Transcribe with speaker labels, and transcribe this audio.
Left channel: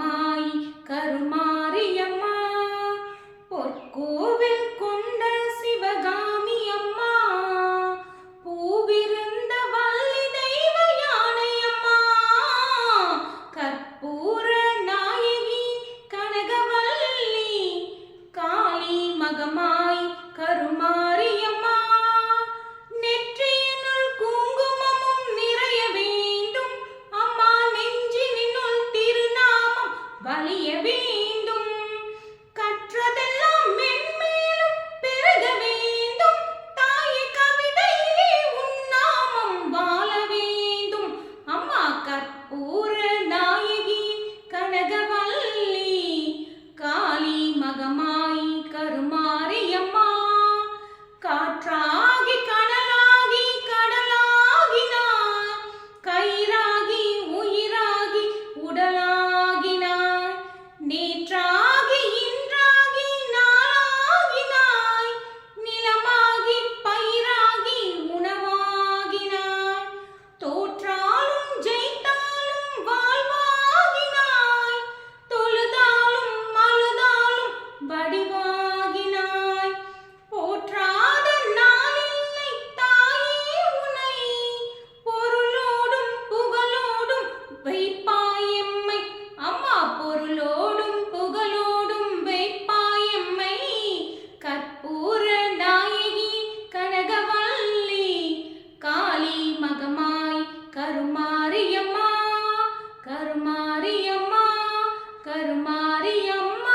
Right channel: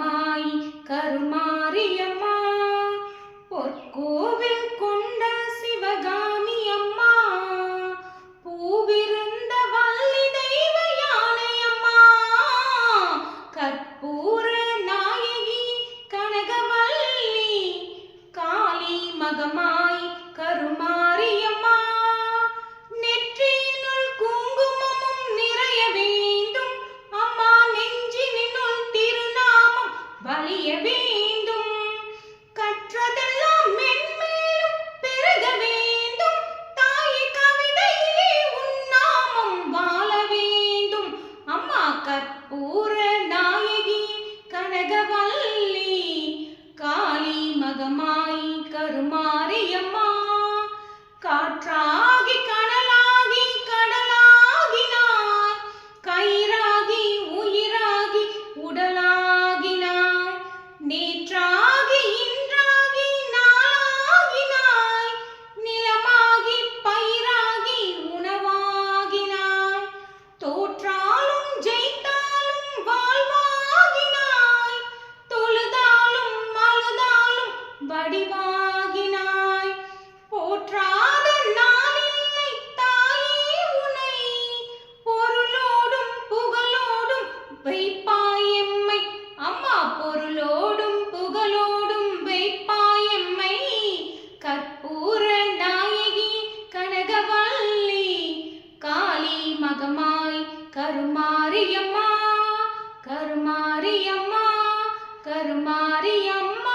Speaker 1: அம்மாய் கருமாரியம்மா. பொற்கோவில் கொண்ட சிவகாமி அம்மா. பூவிருந்த வள்ளி தெய்வ யானை அம்மா. கற்பூர நாயகி கனகவல்லி. காளி மகமாய் கருமாரியம்மா. அறிய வேண்டும். கற்றதெல்லாம் மென்மேலும் பெருக வேண்டும். தாய் கவிதையிலே உன்னாமம் வாழ வேண்டும். அம்மா கற்பூர நாயகி கனகவல்லி காளி மகமாயி கருமாய் வடிவாகினாய். போற்றாத நாளில்லை தாயே உனை. பொருளோடும் புகழோடும் வைப்பாயம்மை அம்மா பொருளோடும் புகழோடும் வைப்பாயம்மை கற்பூர நாயகி கனகவல்லி. காளி மகமாய் கருமாரியம்மா. கருமாரியம்மா கருமாரியம்மா.